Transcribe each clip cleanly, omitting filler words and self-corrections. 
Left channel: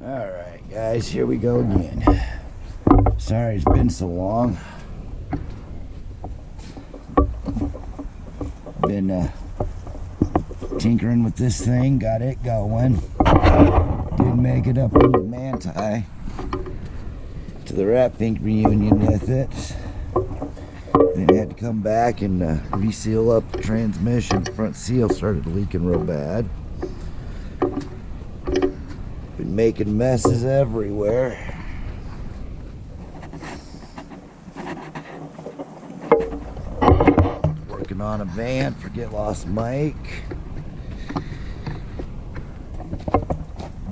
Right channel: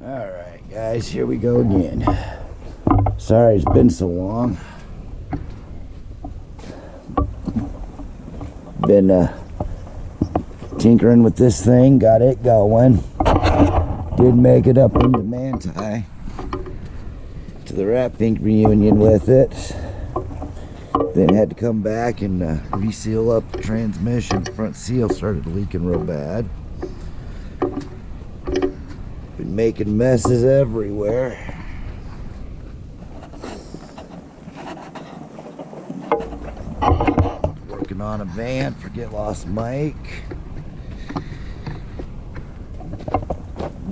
Alright guys, here we go again. Sorry it's been so long. Been tinkering with this thing, got it going. Did make it up into Manti to the Rat Pink reunion with it. Then had to come back and reseal up the transmission. The front seal started leaking real bad. Been making messes everywhere. Working on a van for Get Lost Mike.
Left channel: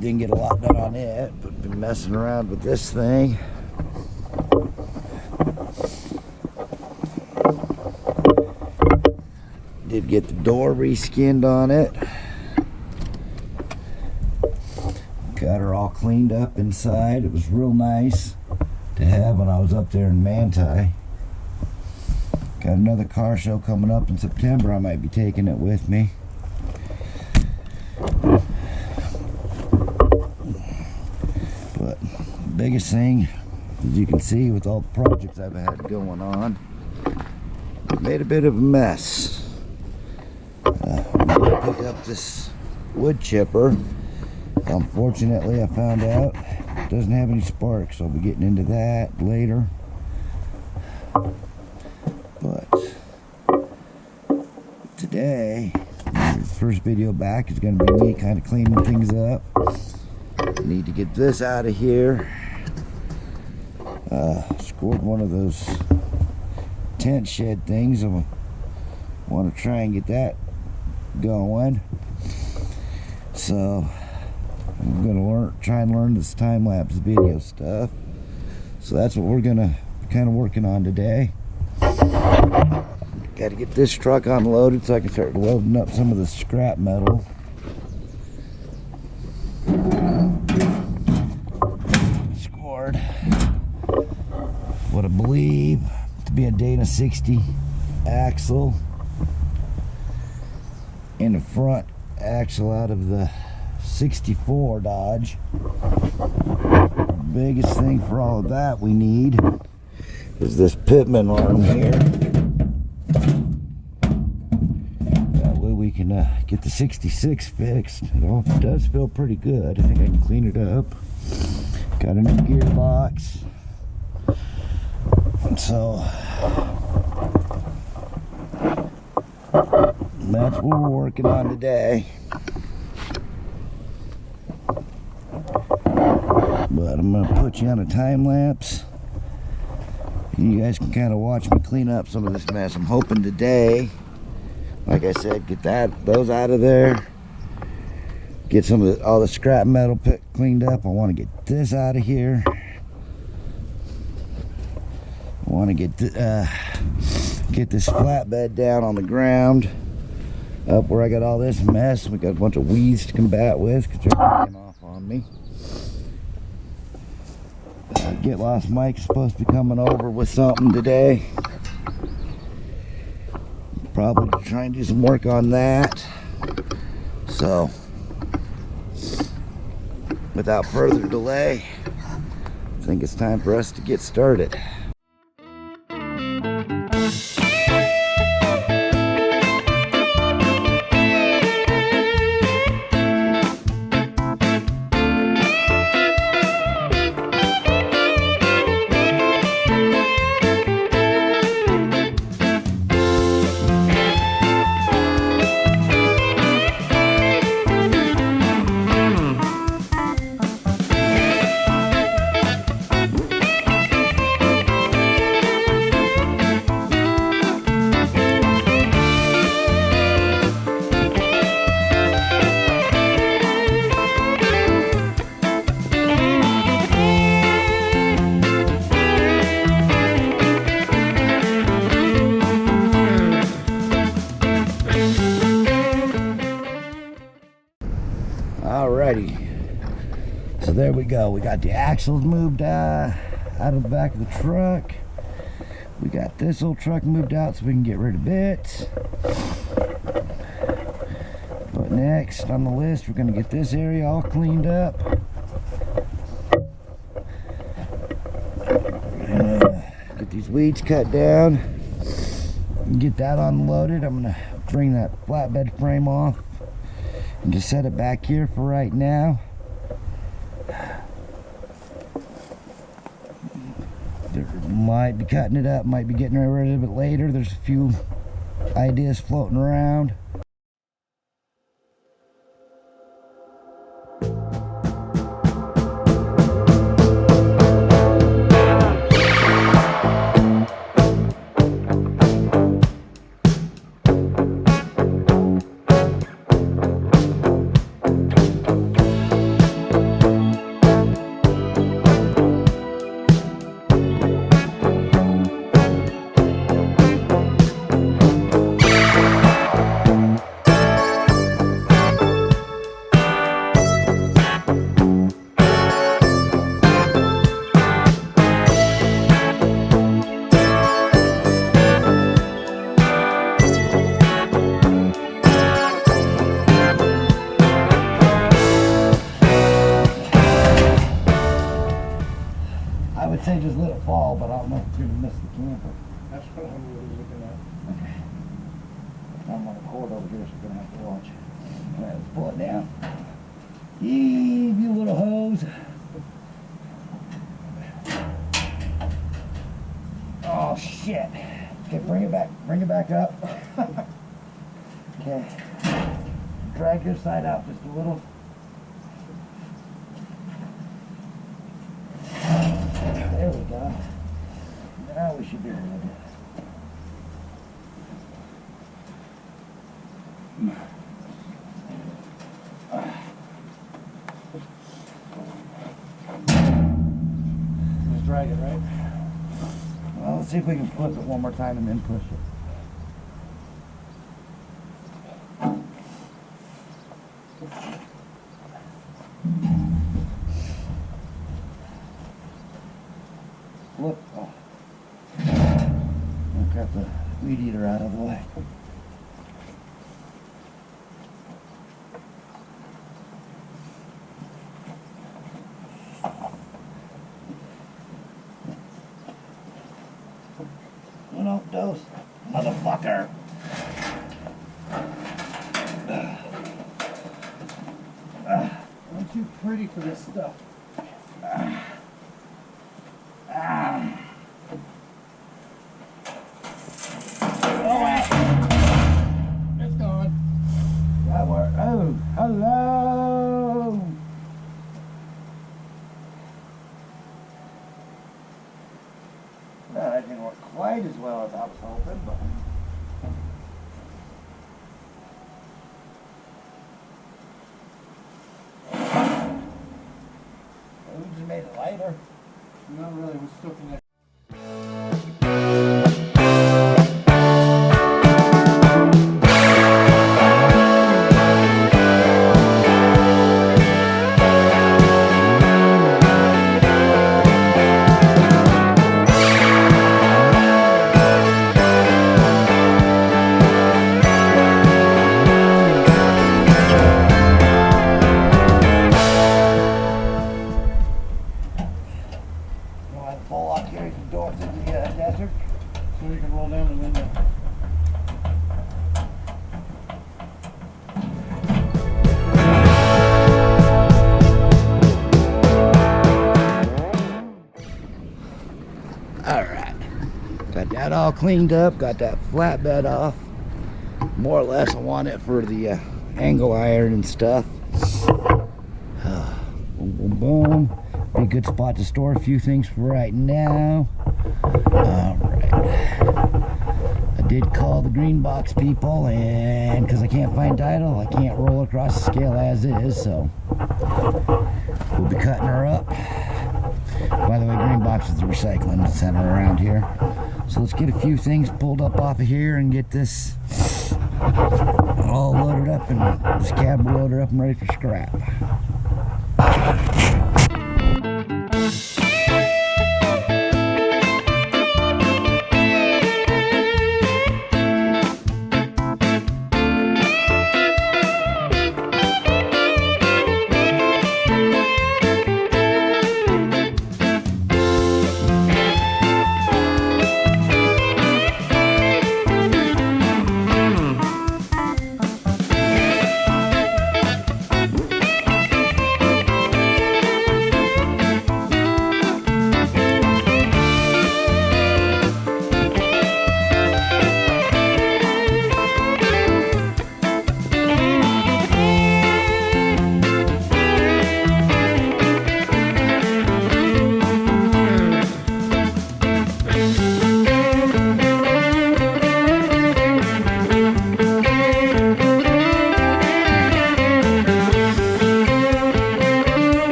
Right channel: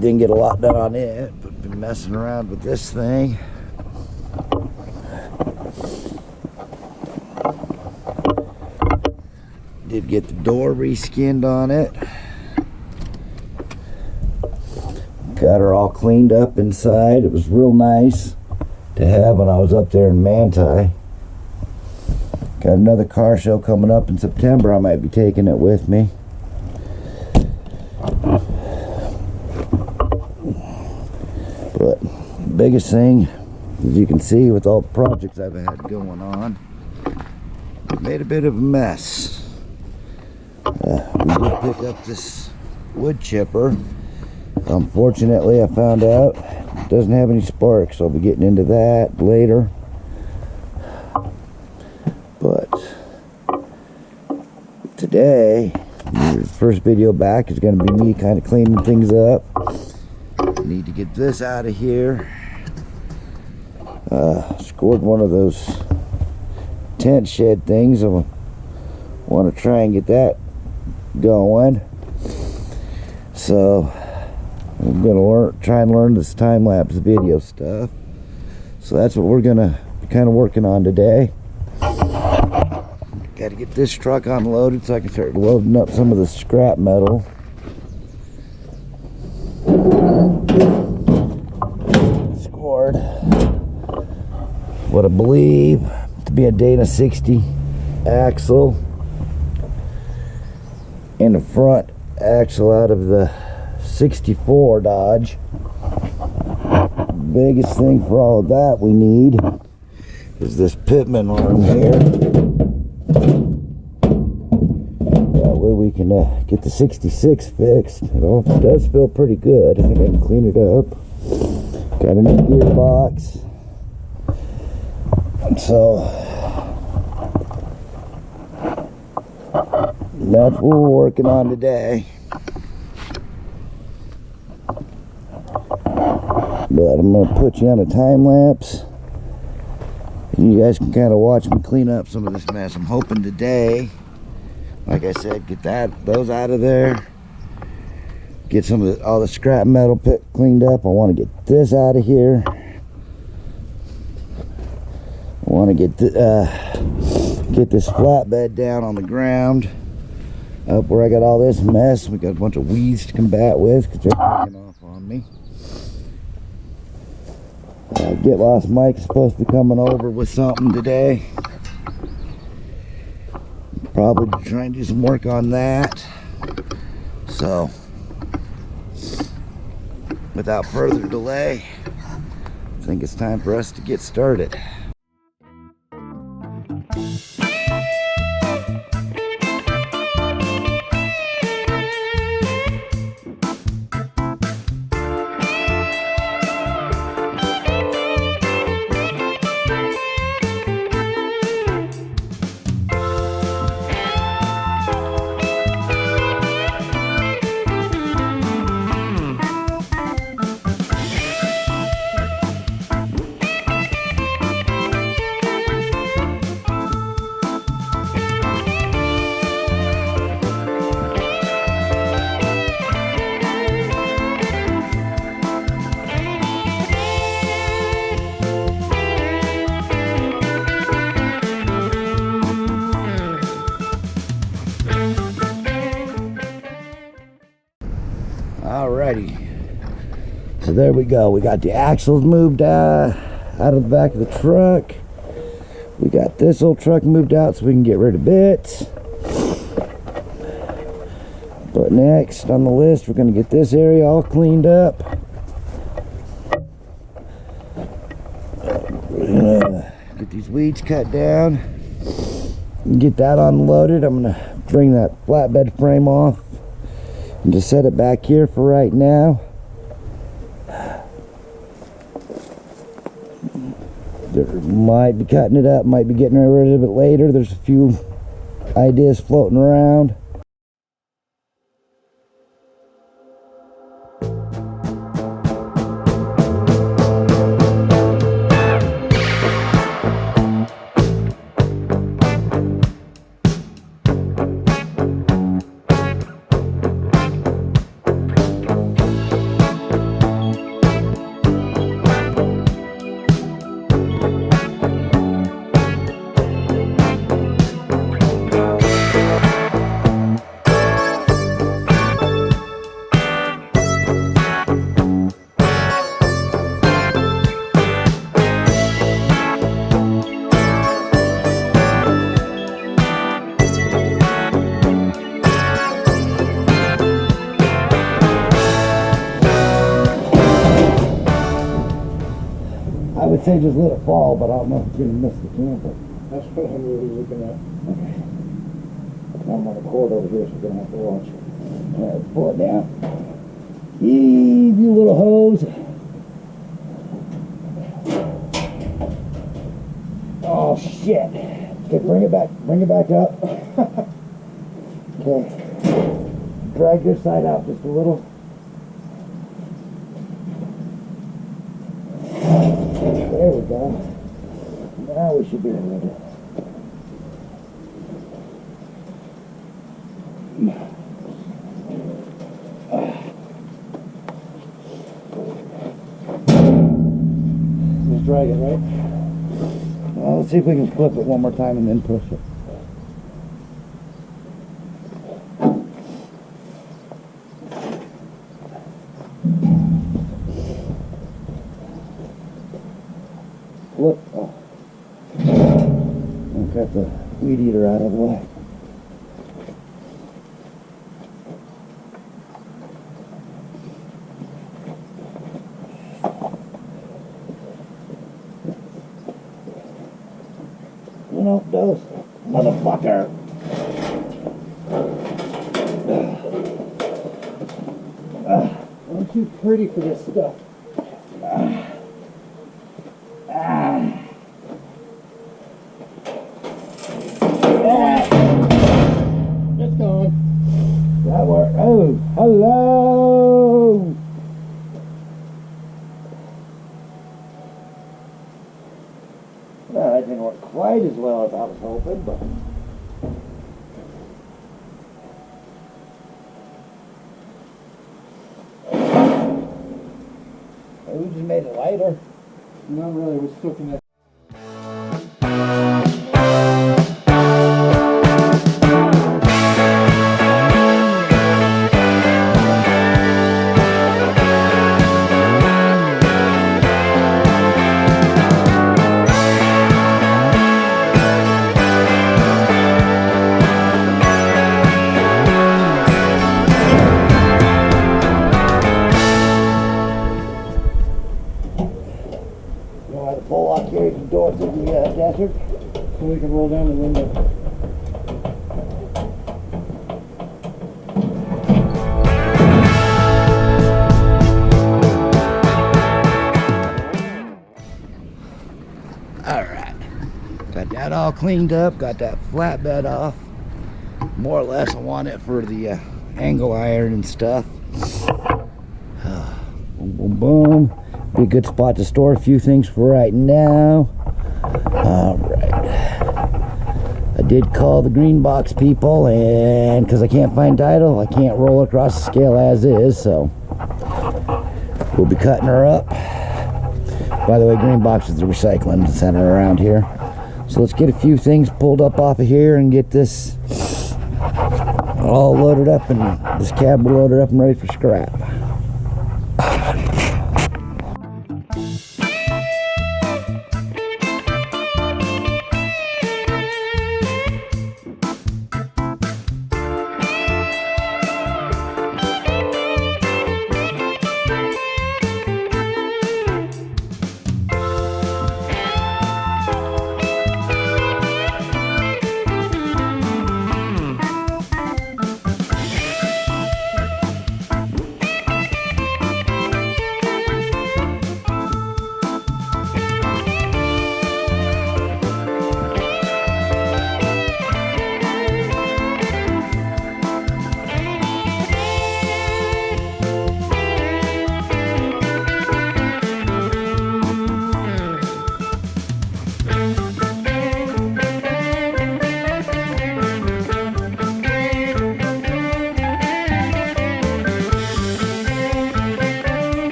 Didn't get a lot done on it, but been messing around with this thing. Did get the door reskinned on it. Got her all cleaned up inside. It was real nice to have when I was up there in Manti. Got another car show coming up in September. I might be taking it with me. But the biggest thing, as you can see with all the projects I've had going on, I've made a bit of a mess. We did pick up this wood chipper. Unfortunately, I found out it doesn't have any sparks, so I'll be getting into that later. But today, the first video back is going to be me kind of cleaning things up. Need to get this out of here. Scored one of those tent shed things. I want to try and get that going. So I'm gonna try and learn this time-lapse video stuff. So that's what we're gonna be kind of working on today. Got to get this truck unloaded so I can start loading up some of the scrap metal. Scored what I believe to be a Dana 60 axle and the front axle out of the 64 Dodge. Biggest thing for all of that we need is this pitman arm here. That way we can get the 66 fixed. It does feel pretty good. I think I can clean it up. Got a new gearbox. So that's what we're working on today. But I'm going to put you on a time lapse and you guys can kind of watch me clean up some of this mess. I'm hoping today, like I said, get those out of there, get some of all the scrap metal cleaned up. I want to get this out of here. I want to get this flatbed down on the ground up where I got all this mess. We got a bunch of weeds to combat with because they're taking off on me. Get Lost Mike's supposed to be coming over with something today. Probably try and do some work on that. So, without further delay, I think it's time for us to get started. Alrighty, so there we go. We got the axles moved out of the back of the truck. We got this old truck moved out so we can get rid of bits. But next on the list, we're going to get this area all cleaned up. We're gonna get these weeds cut down and get that unloaded. I'm gonna bring that flatbed frame off and just set it back here for right now. Might be cutting it up, might be getting rid of it later. There's a few ideas floating around. I would say just let it fall, but I don't know if it's going to miss the camper. That's what I'm really looking at. Okay. I'm on the cord over here, so we're going to have to watch it. All right, let's pull it down. Heave, you little hose. Oh, shit. Okay, bring it back up. Okay. Drag this side out just a little. There we go. Now we should be good. Just drag it, right? Well, let's see if we can flip it one more time and then push it. Look, oh. I've got the weed eater out of the way. You know, dose, motherfucker. I'm too pretty for this stuff. It's gone. That worked. Oh, hello. Well, that didn't work quite as well as I was hoping, but we just made it lighter. Not really, we're still connected. Pull lock carries the door to the desert. So we can roll down the window. Alright. Got that all cleaned up, got that flatbed off. More or less I want it for the angle iron and stuff. Boom, boom, boom. Be a good spot to store a few things for right now. Alright. I did call the green box people, and because I can't find title, I can't roll across the scale as is, so we'll be cutting her up. By the way, green box is the recycling center around here. So let's get a few things pulled up off of here and get this all loaded up, and this cab loaded up and ready for scrap.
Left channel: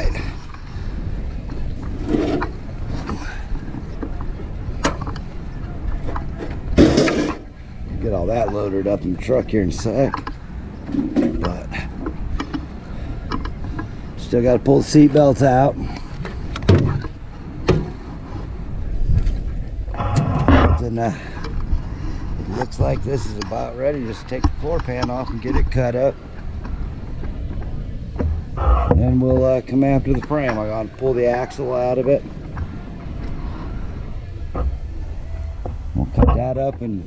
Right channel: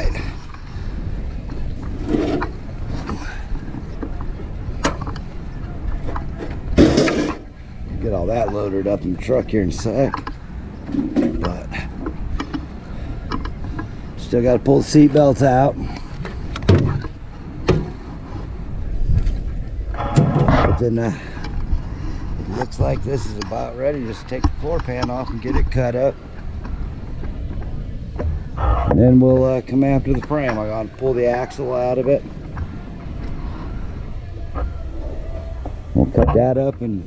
right. Get all that loaded up in the truck here in a sec. But still got to pull the seat belts out. But then it looks like this is about ready. Just take the floor pan off and get it cut up. And then we'll come after the frame. I'm going to pull the axle out of it. We'll cut that up and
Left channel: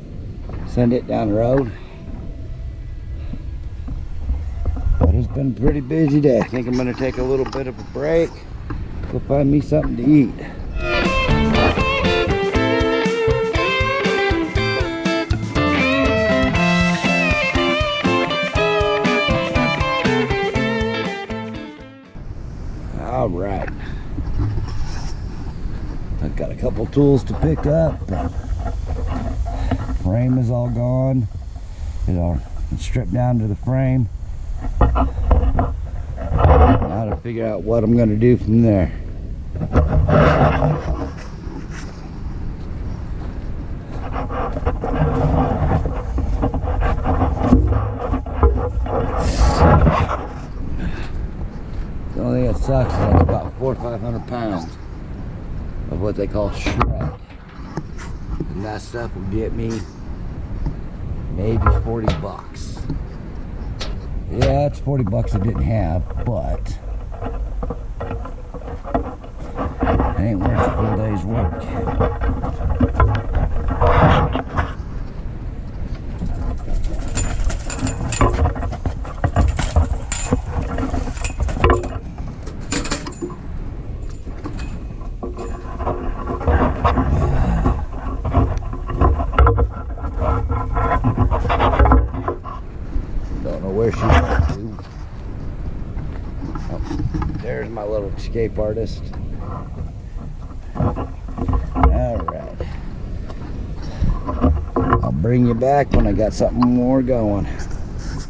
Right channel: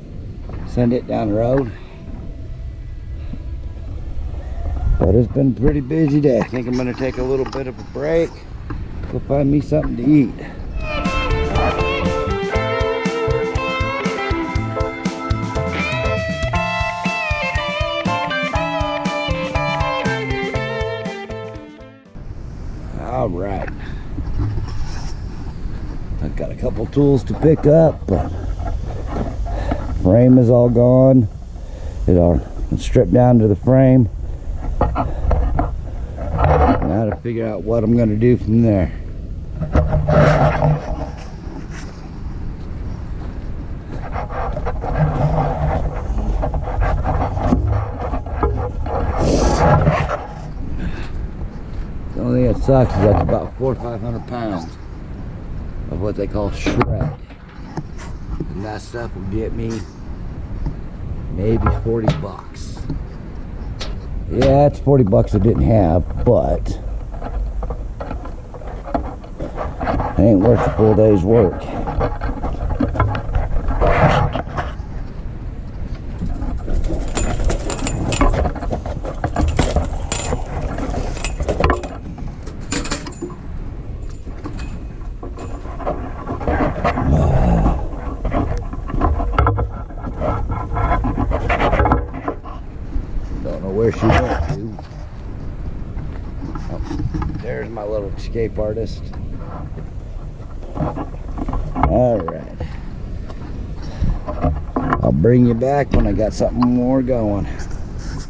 send it down the road. But it's been a pretty busy day. I think I'm going to take a little bit of a break. Go find me something to eat. All right. I've got a couple tools to pick up. Frame is all gone. It's stripped down to the frame. Now to figure out what I'm going to do from there. The only thing that sucks is that's about 400 or 500 pounds of what they call shred. And that stuff will get me maybe 40 bucks. Yeah, it's 40 bucks I didn't have, but it ain't worth the full day's work. Don't know where she went to. Oh, there's my little escape artist. All right. I'll bring you back when I got something more going.